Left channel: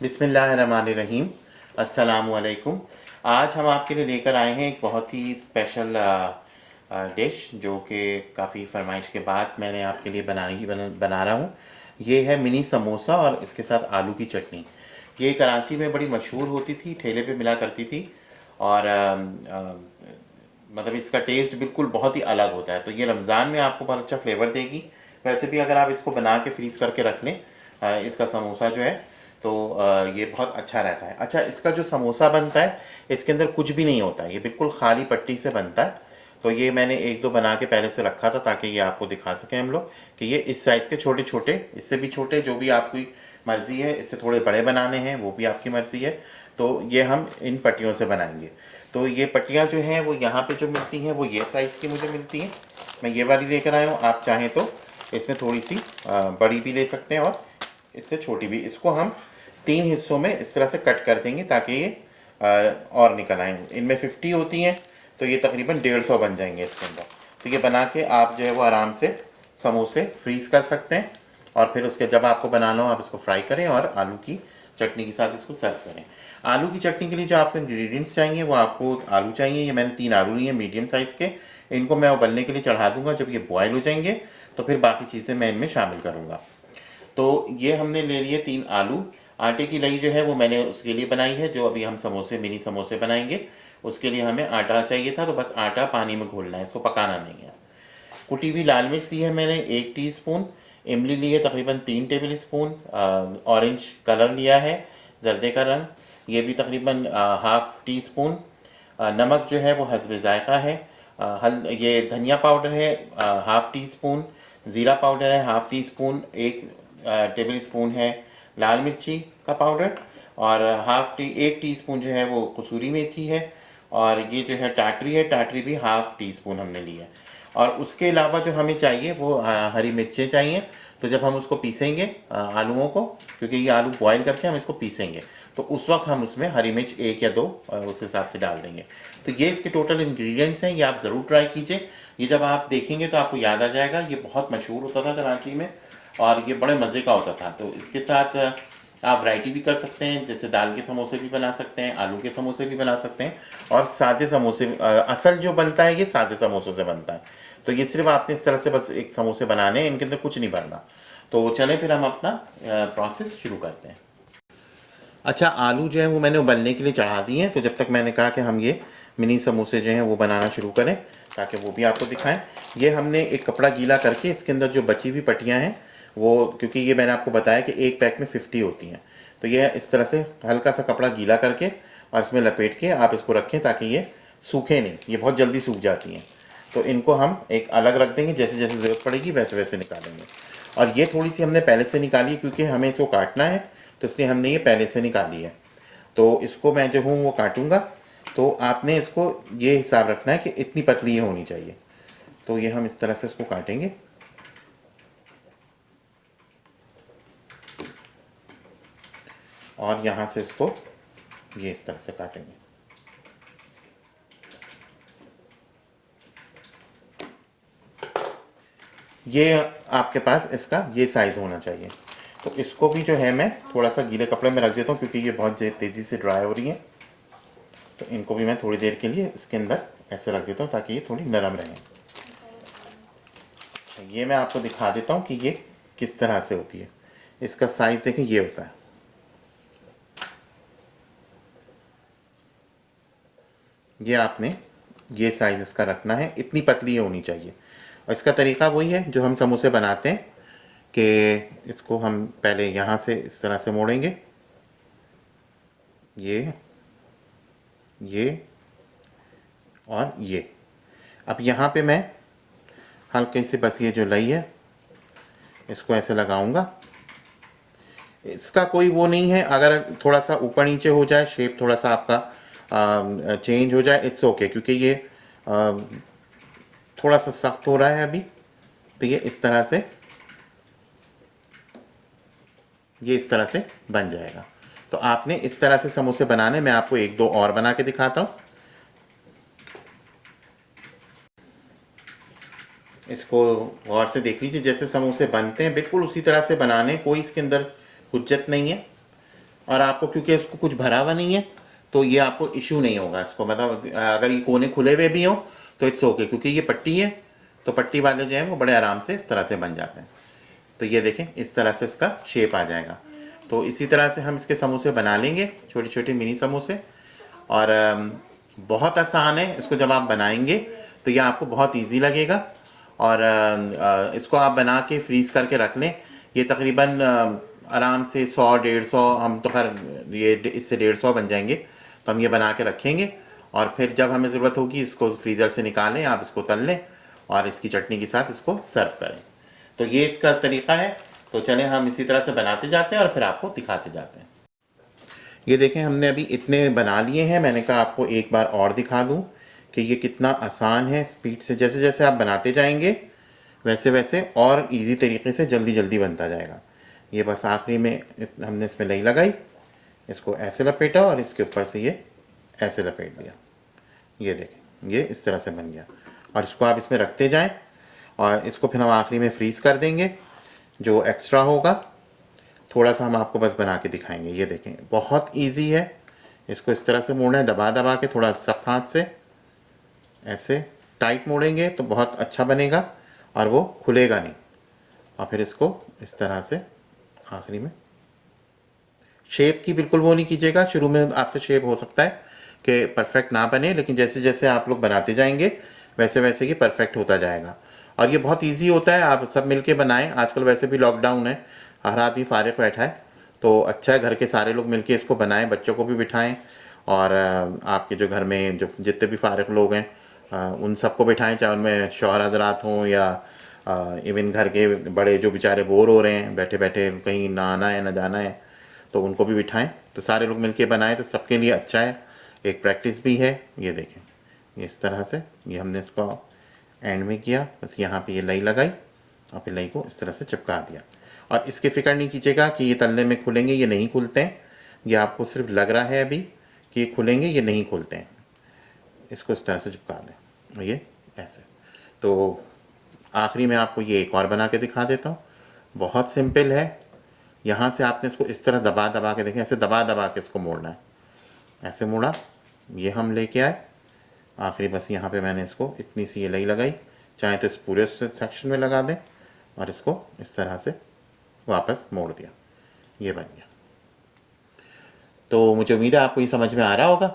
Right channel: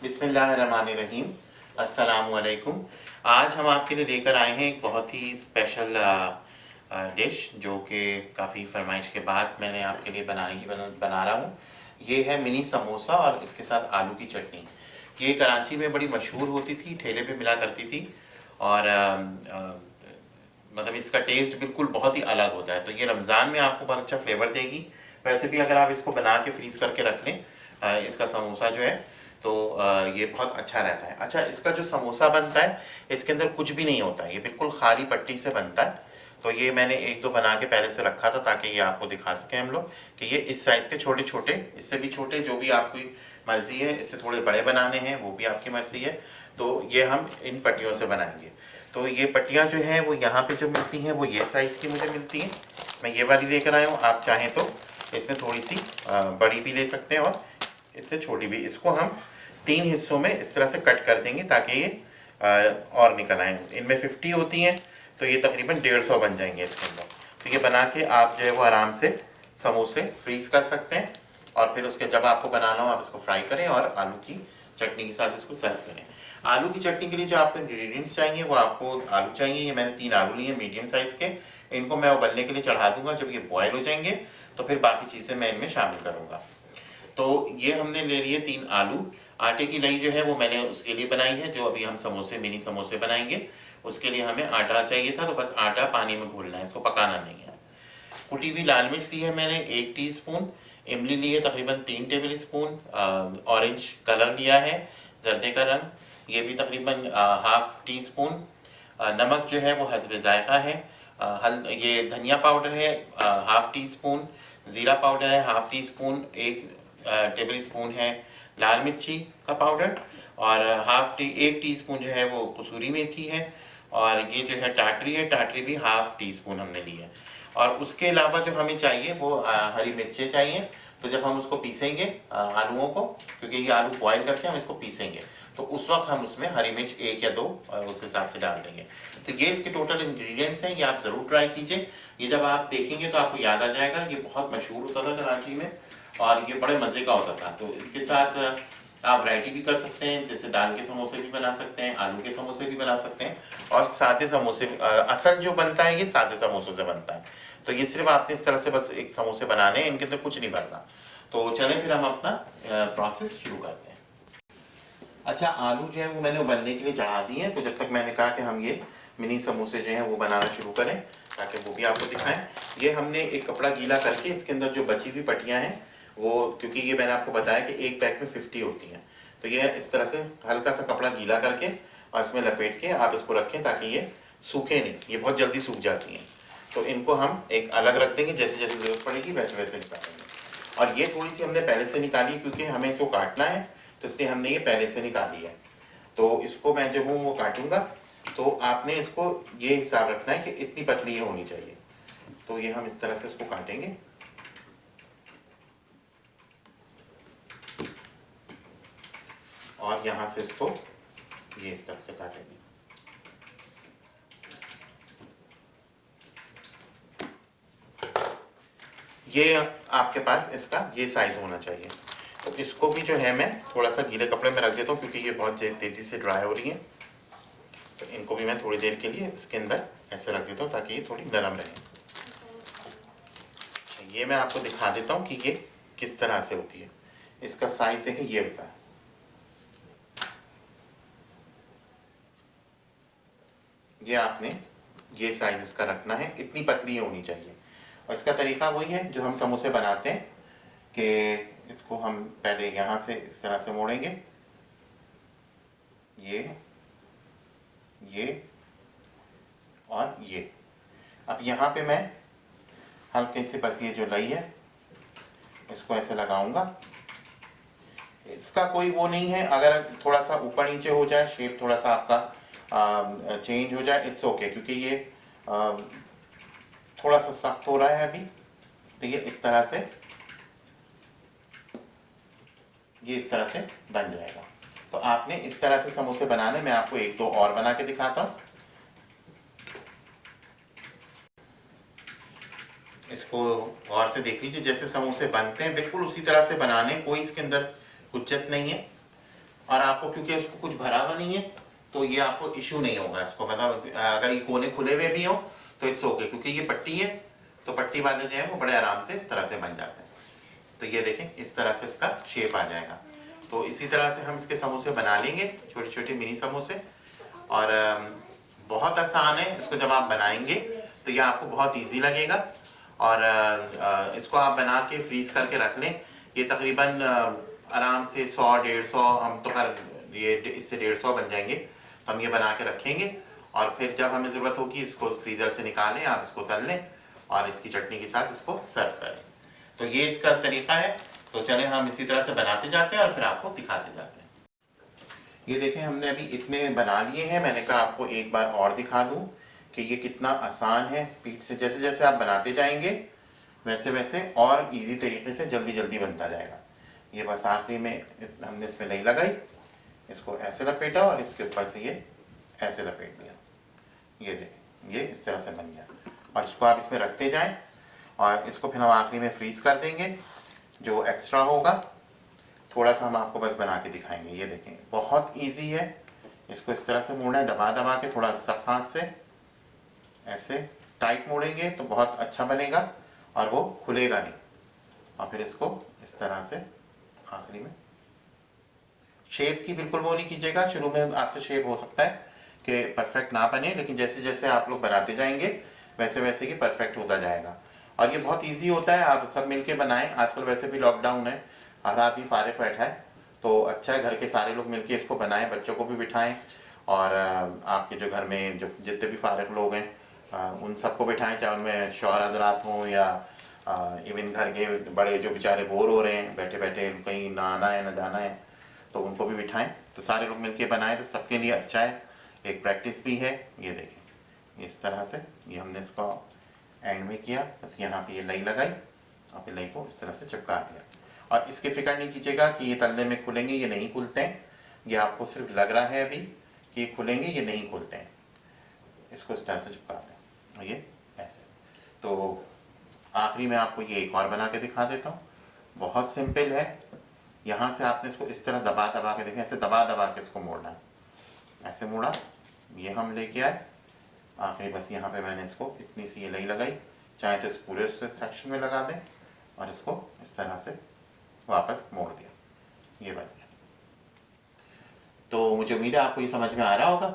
बिस्मिल्लाहिर्रहमानिर्रहीम। अस्सलामुअलैकुम। आज हम आपके लिए लेकर आए हैं एक बहुत ही स्पेशल डिश जो कि काफ़ी फरमाइश के बाद मैंने आपके लिए बना रहा हूँ। ये है मिनी समोसा और इसके साथ आलू की चटनी। ये कराची में बड़ी मशहूर होती थी, ठेले पे मिला करती थी और मतलब इसका टेस्ट बिल्कुल बहुत ही अलग होता है। तो ये रमज़ान में आपको बहुत अच्छा फ्लेवर देगी। वैसे भी अगर आप इसको बना के फ्रीज़ करके रख लें इसका समोसा जो है तो ये बहुत अच्छा रहता है। अच्छा, इसका जो समोसा बनता है इसके अंदर कुछ भी नहीं होता है, ये बिल्कुल खाली पट्टी से बनता है। तो ये मैंने एक दो बना के पहले से रखा था ताकि ये आपको दिखा सकें हम लोग कि ये इस साइज़ के छोटे छोटे, इससे भी छोटे, जो भी आपकी मर्ज़ी है। इससे थोड़े बड़े बनाने हैं वो भी आपकी मर्ज़ी है। तो ये हम इन पट्टियों से बनाएंगे। तो ये पट्टियाँ जो हैं वो यहाँ पे जो मिलती हैं वो ये साइज़ की मुझे मिलती हैं। मैं ये वाली लेकर आया हूँ। आप चाहें तो इसमें थोड़ी सी बड़ी भी ले सकते हैं और इससे छोटी भी। इसको हम 3 हिस्सों में इस तरह से कट कर देंगे ताकि ये और निकल आए। इनमें 50 होती हैं तो ये तकरीबन 150 बन जाएंगे इसके अंदर। तो ये बना के आप जो है वो आराम से समोसे फ्रीज़ कर सकते हैं और फिर उसके जब आपको बनाना हो आप इसको फ्राई करें और आलू की चटनी के साथ इसको सर्व करें। आलू की चटनी के लिए जो आपको इंग्रेडिएंट्स चाहिए वो आपको आलू चाहिए। ये मैंने 3 आलू लिए मीडियम साइज़ के। इनको मैं उबलने के लिए चढ़ा दूंगा। जब ये बॉयल हो जाएंगे तो फिर बाकी चीज़ें मैं इनमें शामिल करूँगा। तो ये हमने ले लिए 3 आलू। आटे की लई जो है वो मैंने उसके लिए बनाई है, जो अभी हम समोसे, मिनी समोसे बनाएंगे उसके लिए हमें आटा चाहिए था। तो बस आटा पानी में घोलना है, इसको पकाना नहीं है। कुटी हुई लाल मिर्च ली है मैंने 1 टीस्पून। इमली ली है तकरीबन 3 टेबल स्पून। ऑरेंज कलर लिया है, जर्दे का रंग, ये भी तकरीबन हाफ़ टी स्पून। नमक जो है वो हस्बे ज़ायक़ा है। ये धनिया पाउडर है हाफ़ टी स्पून। ज़ीरा पाउडर है half tea spoon. 1 table spoon है लाल मिर्ची का पाउडर और 1 टीस्पून जो है वो कसूरी मेथी है। और ये जो है टाटरी है, टाटरी भी हाफ़ टी स्पून हमने ली है। और उसके अलावा जो हमें चाहिए वो हरी मिर्चें चाहिए। तो जब हम उसको पीसेंगे आलूओं को, क्योंकि ये आलू बॉयल करके हम इसको पीसेंगे, तो उस वक्त हम उसमें हरी मिर्च 1 या 2 उस हिसाब से डाल देंगे। तो ये इसके टोटल इंग्रेडिएंट्स हैं, ये आप ज़रूर ट्राई कीजिए। ये जब आप देखेंगे तो आपको याद आ जाएगा, ये बहुत मशहूर होता था कराची में और ये बड़े मज़े का होता था। तो इसके साथ आप वैरायटी भी कर सकते हैं, जैसे दाल के समोसे भी बना सकते हैं, आलू के समोसे भी बना सकते हैं और सादे समोसे। असल जो बनता है ये सादे समोसों से बनता है। तो ये सिर्फ आपने इस तरह से बस एक समोसे बनाने हैं, इनके अंदर कुछ नहीं भरना। तो चलें फिर हम अपना प्रोसेस शुरू करते हैं। अच्छा, आलू जो है वो मैंने उबलने के लिए चढ़ा दिए हैं। तो जब तक मैंने कहा कि हम ये मिनी समोसे जो हैं वो बनाना शुरू करें ताकि वो भी आपको दिखाएं। ये हमने एक कपड़ा गीला करके इसके अंदर जो बची हुई पट्टियाँ हैं वो, क्योंकि ये मैंने आपको बताया कि एक पैक में 50 होती हैं, तो ये इस तरह से हल्का सा कपड़ा गीला करके और इसमें लपेट के आप इसको रखें ताकि ये सूखे नहीं, ये बहुत जल्दी सूख जाती हैं। तो इनको हम एक अलग रख देंगे, जैसे जैसे ज़रूरत पड़ेगी वैसे वैसे निकालेंगे। और ये थोड़ी सी हमने पहले से निकाली क्योंकि हमें इसको काटना है, तो इसलिए हमने ये पहले से निकाली है। तो इसको मैं जो हूँ वो काटूंगा। तो आपने इसको ये हिसाब रखना है कि इतनी पतली ये होनी चाहिए। तो ये हम इस तरह से इसको काटेंगे और यहाँ से इसको ये इस तरह से काटेंगे। ये आपके पास इसका ये साइज़ होना चाहिए। तो इसको भी जो है मैं थोड़ा सा गीले कपड़े में रख देता हूँ क्योंकि ये बहुत तेज़ी से ड्राई हो रही है। तो इनको भी मैं थोड़ी देर के लिए इसके अंदर ऐसे रख देता हूँ ताकि ये थोड़ी नरम रहे। ये मैं आपको दिखा देता हूँ कि ये किस तरह से होती है। इसका साइज़ देखें, ये होता है। ये आपने ये साइज़ इसका रखना है, इतनी पतली होनी चाहिए। और इसका तरीका वही है जो हम समोसे बनाते हैं कि इसको हम पहले यहाँ से इस तरह से मोड़ेंगे ये और ये। अब यहाँ पे मैं हल्के से बस ये जो लई है इसको ऐसे लगाऊंगा। इसका कोई वो नहीं है, अगर थोड़ा सा ऊपर नीचे हो जाए, शेप थोड़ा सा आपका चेंज हो जाए, इट्स ओके, क्योंकि ये थोड़ा सा सख्त हो रहा है अभी। तो ये इस तरह से बन जाएगा। तो आपने इस तरह से समोसे बनाने, मैं आपको एक दो और बना के दिखाता हूँ। इसको गौर से देख लीजिए, जैसे समोसे बनते हैं बिल्कुल उसी तरह से बनाने, कोई इसके अंदर हुज्जत नहीं है। और आपको क्योंकि इसको कुछ भरा हुआ नहीं है तो ये आपको इशू नहीं होगा इसको, मतलब अगर ये कोने खुले हुए भी हो तो इट्स ओके, क्योंकि ये पट्टी है तो पट्टी वाले जो हैं वो बड़े आराम से इस तरह से बन जाते हैं। तो ये देखें इस तरह से इसका शेप आ जाएगा। तो इसी तरह से हम इसके समोसे बना लेंगे, छोटे छोटे मिनी समोसे। और बहुत आसान है, इसको जब आप बनाएंगे तो ये आपको बहुत ईजी लगेगा। और इसको आप बना के फ्रीज़ करके रख लें। ये तकरीबन आराम से 100-150, हम तो खैर ये इससे 150 बन जाएंगे। तो हम ये बना के रखेंगे और फिर जब हमें ज़रूरत होगी इसको फ्रीज़र से निकालें, आप इसको तल लें और इसकी चटनी के साथ इसको सर्व करें। तो ये इसका तरीका है। तो चलें हम इसी तरह से बनाते जाते हैं और फिर आपको दिखाते जाते हैं। ये देखें हमने अभी इतने बना लिए हैं। मैंने कहा आपको एक बार और दिखा दूं कि ये कितना आसान है। स्पीड से जैसे जैसे आप बनाते जाएंगे वैसे वैसे और इजी तरीके से जल्दी जल्दी बनता जाएगा। ये बस आखिरी में हमने इसमें लई लगाई, इसको ऐसे लपेटा और इसके ऊपर से ये ऐसे लपेट दिया। ये देखें ये इस तरह से बन गया। और इसको आप इसमें रखते जाएं और इसको फिर हम आखिरी में फ्रीज़ कर देंगे। जो एक्स्ट्रा होगा थोड़ा सा हम आपको बस बना के दिखाएंगे। ये देखें बहुत इजी है। इसको इस तरह से मोड़ना है, दबा दबा के, थोड़ा सख्त हाथ से ऐसे टाइट मोड़ेंगे तो बहुत अच्छा बनेगा और वो खुलेगा नहीं। और फिर इसको इस तरह से आखिरी में शेप की बिल्कुल वो नहीं कीजिएगा। शुरू में आपसे शेप हो सकता है कि परफेक्ट ना बने, लेकिन जैसे जैसे आप लोग बनाते जाएंगे वैसे वैसे ये परफेक्ट होता जाएगा। और ये बहुत इजी होता है, आप सब मिलके बनाएं। आजकल वैसे भी लॉकडाउन है, हर आदमी फारिग बैठा है, तो अच्छा है घर के सारे लोग मिलके इसको बनाएं, बच्चों को भी बिठाएं। और आपके जो घर में जो जितने भी फारिग लोग हैं उन सबको बिठाएं, चाहे उनमें शौहर हजरात हों या इवन घर के बड़े जो बेचारे बोर हो रहे हैं बैठे बैठे, कहीं ना आना है ना जाना है, तो उनको भी बिठाएं। तो सारे लोग मिलके बनाएं तो सबके लिए अच्छा है, एक प्रैक्टिस भी है। ये देखें इस तरह से ये हमने इसको एंड में किया, बस यहाँ पे ये लई लगाई और फिर लई को इस तरह से चिपका दिया। और इसकी फ़िक्र नहीं कीजिएगा कि ये तलने में खुलेंगे, ये नहीं खुलते हैं। ये आपको सिर्फ लग रहा है अभी कि ये खुलेंगे, ये नहीं खुलते हैं। इसको इस तरह से चिपका दें, ये ऐसे। तो आखिरी में आपको ये एक और बना के दिखा देता हूँ। बहुत सिंपल है। यहाँ से आपने इसको इस तरह दबा दबा के, देखें ऐसे दबा दबा के इसको मोड़ना है। ऐसे मोड़ा, ये हम लेके आए आखिरी, बस यहाँ पे मैंने इसको इतनी सी ये लई लगाई, चाहे तो इस पूरे सेक्शन में लगा दें और इसको इस तरह से वापस मोड़ दिया, ये बन गया। तो मुझे उम्मीद है आपको ये समझ में आ रहा होगा।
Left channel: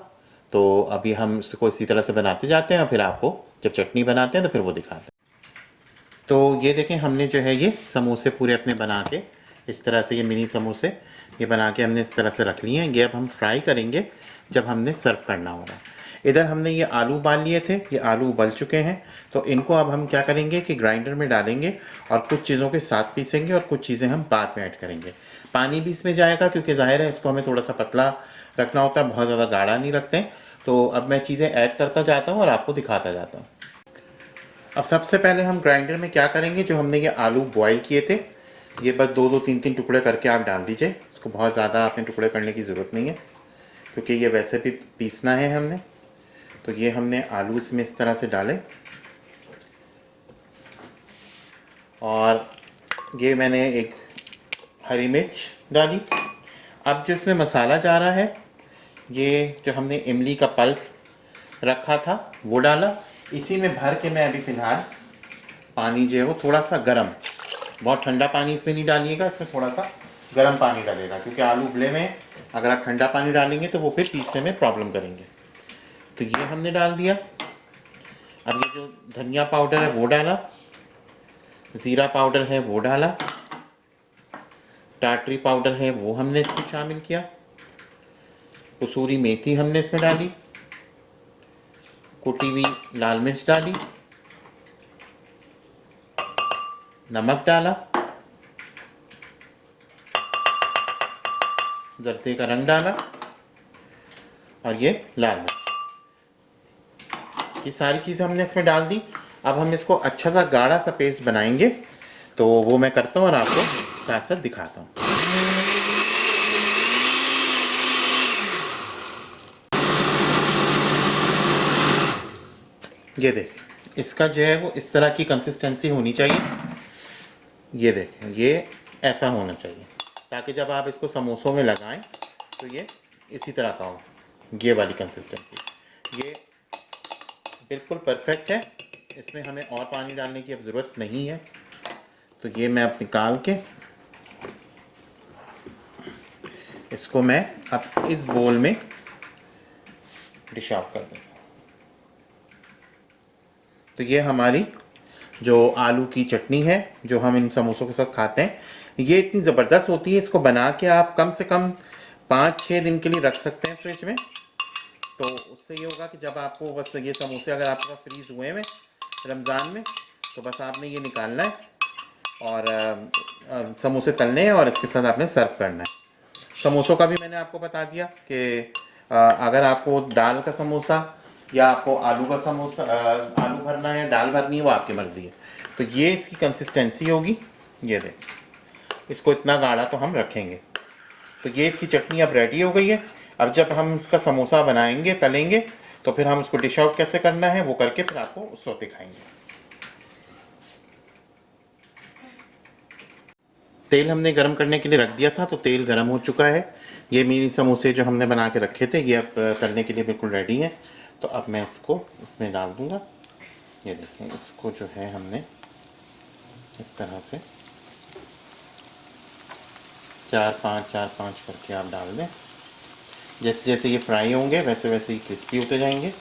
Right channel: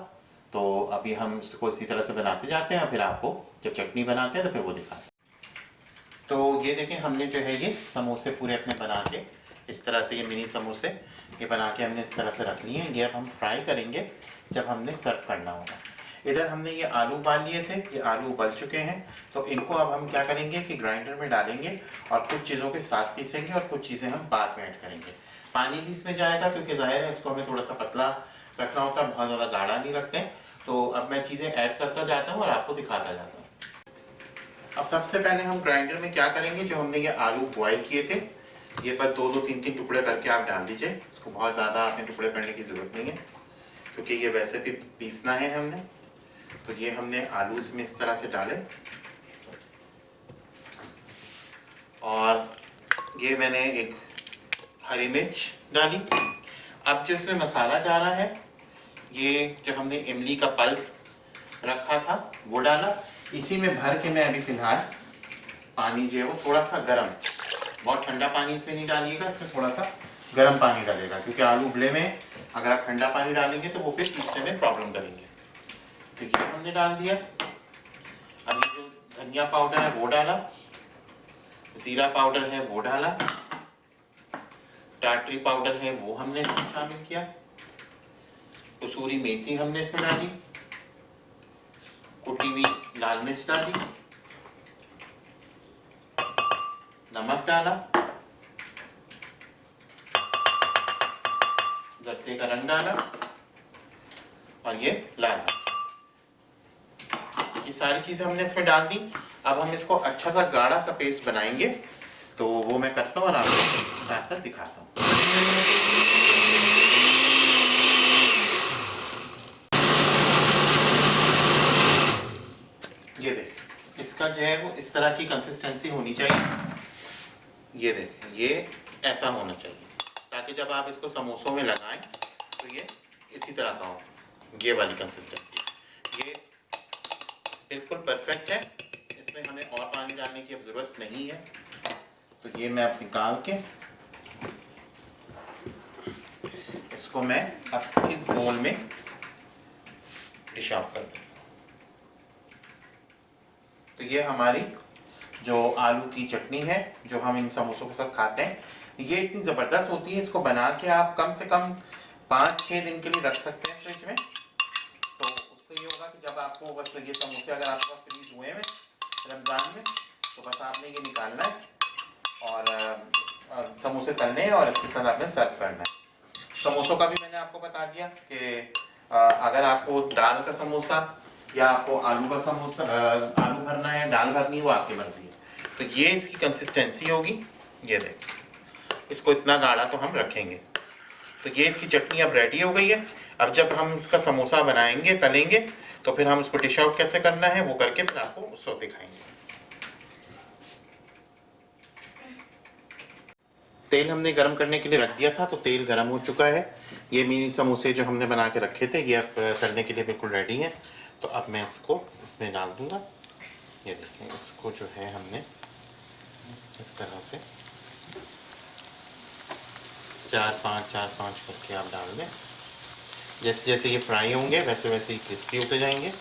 तो अभी हम इसको इसी तरह से बनाते जाते हैं और फिर आपको जब चटनी बनाते हैं तो फिर वो दिखाते हैं। तो ये देखें हमने जो है ये समोसे पूरे अपने बना के इस तरह से, ये मिनी समोसे ये बना के हमने इस तरह से रख लिए हैं। ये अब हम फ्राई करेंगे जब हमने सर्व करना होगा। इधर हमने ये आलू उबाल लिए थे, ये आलू उबल चुके हैं। तो इनको अब हम क्या करेंगे कि ग्राइंडर में डालेंगे और कुछ चीज़ों के साथ पीसेंगे और कुछ चीज़ें हम बाद में ऐड करेंगे। पानी भी इसमें जाएगा क्योंकि ज़ाहिर है इसको हमें थोड़ा सा पतला रखना होता है, बहुत ज़्यादा गाढ़ा नहीं रखते हैं। तो अब मैं चीज़ें ऐड करता जाता हूँ और आपको दिखाता जाता हूँ। अब सबसे पहले हम ग्राइंडर में क्या करेंगे, जो हमने ये आलू बॉईल किए थे ये बस 2-2 3-3 टुकड़े करके आप डाल दीजिए। इसको बहुत ज़्यादा आपने टुकड़े करने की ज़रूरत नहीं है क्योंकि ये वैसे भी पीसना है हमने। तो ये हमने आलू इसमें इस तरह से डाले और ये मैंने एक हरी मिर्च डाली। अब जो इसमें मसाला जा रहा है, ये जो हमने इमली का पल्प रखा था वो डाला। इसी में भर के मैं अभी फ़िलहाल पानी जो है वो थोड़ा सा गर्म, बहुत ठंडा पानी इसमें नहीं डालिएगा, इसमें थोड़ा सा गर्म पानी डालेगा क्योंकि आलू उबले में अगर आप ठंडा पानी डालेंगे तो वो फिर पीसने में प्रॉब्लम करेंगे। तो ये हमने डाल दिया। अब ये जो धनिया पाउडर है वो डाला, ज़ीरा पाउडर है वो डाला, टाटरी पाउडर है वो हमने इसमें शामिल किया। कसूरी मेथी हमने इसमें डाली, कुटी हुई लाल मिर्च डाली, नमक डाला, जर्दे का रंग डाला और ये लाल मिर्च, ये सारी चीज़ें हमने इसमें डाल दी। अब हम इसको अच्छा सा गाढ़ा सा पेस्ट बनाएंगे, तो वो मैं करता हूँ और आपको साथ साथ दिखाता हूँ। ये देखिए, इसका जो है वो इस तरह की कंसिस्टेंसी होनी चाहिए। ये देखें, ये ऐसा होना चाहिए ताकि जब आप इसको समोसों में लगाएं तो ये इसी तरह का हो, ये वाली कंसिस्टेंसी। ये बिल्कुल परफेक्ट है, इसमें हमें और पानी डालने की अब ज़रूरत नहीं है। तो ये मैं अब निकाल के इसको मैं अब इस बोल में डिश आउट कर दूँ। तो ये हमारी जो आलू की चटनी है जो हम इन समोसों के साथ खाते हैं, ये इतनी ज़बरदस्त होती है। इसको बना के आप कम से कम 5-6 दिन के लिए रख सकते हैं फ्रिज में। तो उससे ये होगा कि जब आपको बस ये समोसे अगर आपके पास फ्रीज़ हुए हैं रमज़ान में, तो बस आपने ये निकालना है और समोसे तलने हैं और इसके साथ आपने सर्व करना है। समोसों का भी मैंने आपको बता दिया कि अगर आपको दाल का समोसा या आपको आलू का समोसा आलू भरना है, दाल भरनी है, वो आपकी मर्ज़ी है। तो ये इसकी कंसिस्टेंसी होगी। ये देख, इसको इतना गाढ़ा तो हम रखेंगे। तो ये इसकी चटनी अब रेडी हो गई है। अब जब हम इसका समोसा बनाएंगे, तलेंगे, तो फिर हम उसको डिश आउट कैसे करना है वो करके फिर आपको उसको दिखाएंगे। तेल हमने गरम करने के लिए रख दिया था, तो तेल गरम हो चुका है। ये मिनी समोसे जो हमने बना के रखे थे ये अब तलने के लिए बिल्कुल रेडी हैं। तो अब मैं इसको इसमें डाल दूँगा। ये देखें, इसको जो है हमने इस तरह से 4-5 करके आप डाल दें। जैसे जैसे ये फ्राई होंगे वैसे वैसे ही क्रिस्पी होते जाएंगे।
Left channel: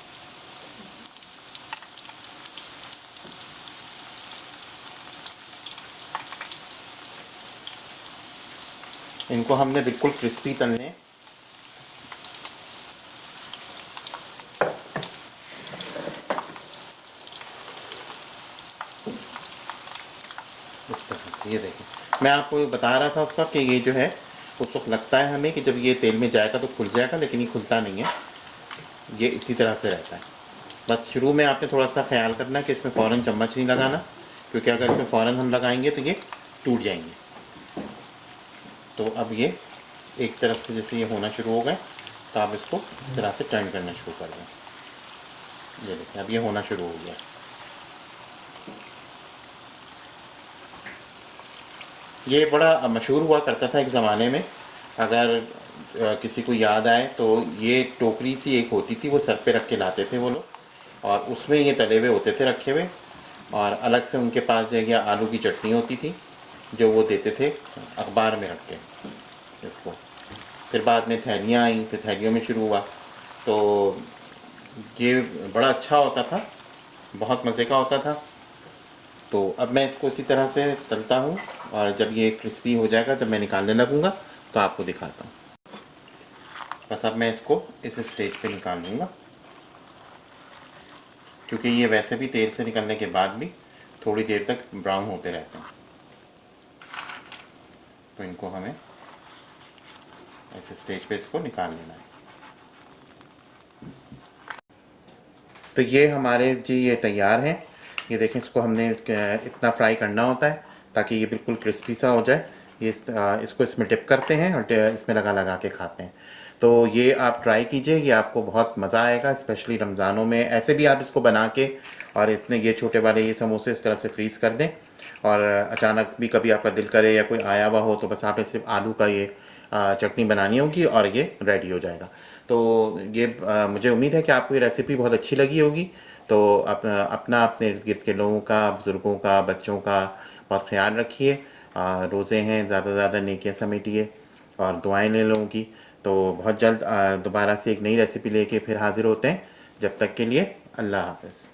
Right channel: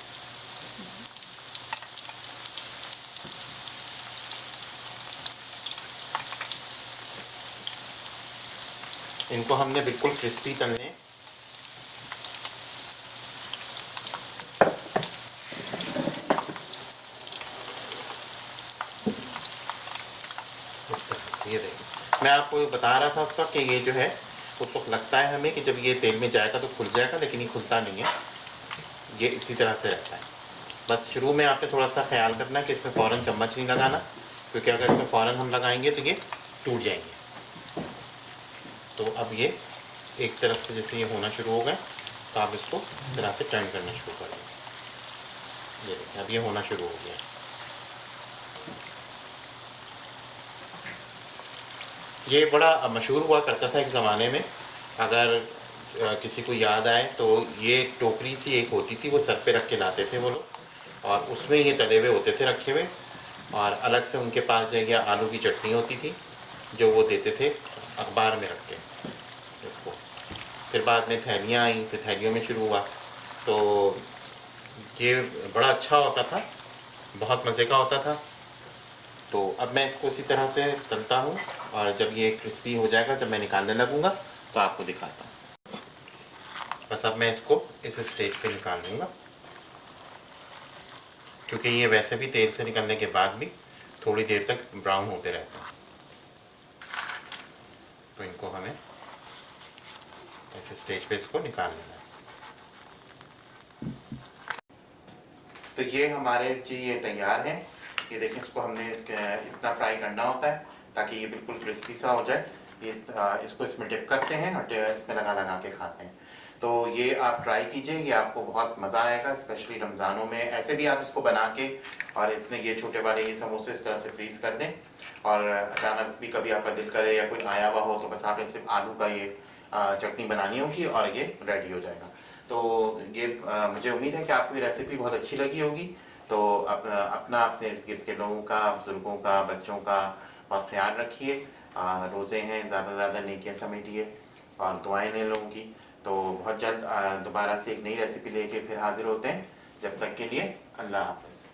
इनको हमने बिल्कुल क्रिस्पी तलने हैं। इस तरह से। ये देखिए, मैं आपको बता रहा था उसका कि ये जो है उस वक्त लगता है हमें कि जब ये तेल में जाएगा तो खुल जाएगा, लेकिन ये खुलता नहीं है, ये इसी तरह से रहता है। बस शुरू में आपने थोड़ा सा ख्याल करना है कि इसमें फ़ौरन चम्मच नहीं लगाना, क्योंकि अगर इसमें फ़ौरन हम लगाएंगे तो ये टूट जाएंगे। तो अब ये एक तरफ से जैसे ये होना शुरू हो गए तो आप इसको इस तरह से टर्न करना शुरू कर दें। ये देखिए, अब ये होना शुरू हो गया। ये बड़ा मशहूर हुआ करता था एक ज़माने में। अगर किसी को याद आए तो ये टोकरी सी एक होती थी, वो सर पे रख के लाते थे वो लोग, और उसमें ये तले हुए होते थे रखे हुए, और अलग से उनके पास जो है आलू की चटनी होती थी जो वो देते थे अखबार में रख के इसको। फिर बाद में थैलियाँ आई, फिर थैलियों में शुरू हुआ। तो ये बड़ा अच्छा होता था, बहुत मज़े का होता था। तो अब मैं इसको उसी तरह से तलता हूँ, और जब ये क्रिस्पी हो जाएगा, जब मैं निकालने लगूँगा तो आपको दिखाता हूँ। बस अब मैं इसको इस स्टेज पे निकाल लूँगा, क्योंकि ये वैसे भी तेल से निकलने के बाद भी थोड़ी देर तक ब्राउन होते रहते हैं। तो इनको हमें ऐसे स्टेज पे इसको निकाल लेना है। तो ये हमारे जी ये तैयार हैं। ये देखें, इसको हमने इतना फ्राई करना होता है ताकि ये बिल्कुल क्रिस्पी सा हो जाए। ये इसको इसमें डिप करते हैं और इसमें लगा लगा के खाते हैं। तो ये आप ट्राई कीजिए, ये आपको बहुत मज़ा आएगा, स्पेशली रमज़ानों में। ऐसे भी आप इसको बना के और इतने ये छोटे वाले ये समोसे इस तरह से फ्रीज़ कर दें, और अचानक भी कभी आपका दिल करे या कोई आया हुआ हो तो बस आप सिर्फ आलू का ये चटनी बनानी होगी और ये रेडी हो जाएगा। तो ये मुझे उम्मीद है कि आपको ये रेसिपी बहुत अच्छी लगी होगी। तो अपना अपने इर्द गिर्द के लोगों का, बुज़ुर्गों का, बच्चों का बहुत ख्याल रखिए। रोज़े हैं, ज़्यादा से ज़्यादा नेकियां समेटिए और दुआएं लें लोगों की। तो बहुत जल्द दोबारा से एक नई रेसिपी लेके फिर हाज़िर होते हैं। जब तक के लिए अल्लाह हाफ़िज़।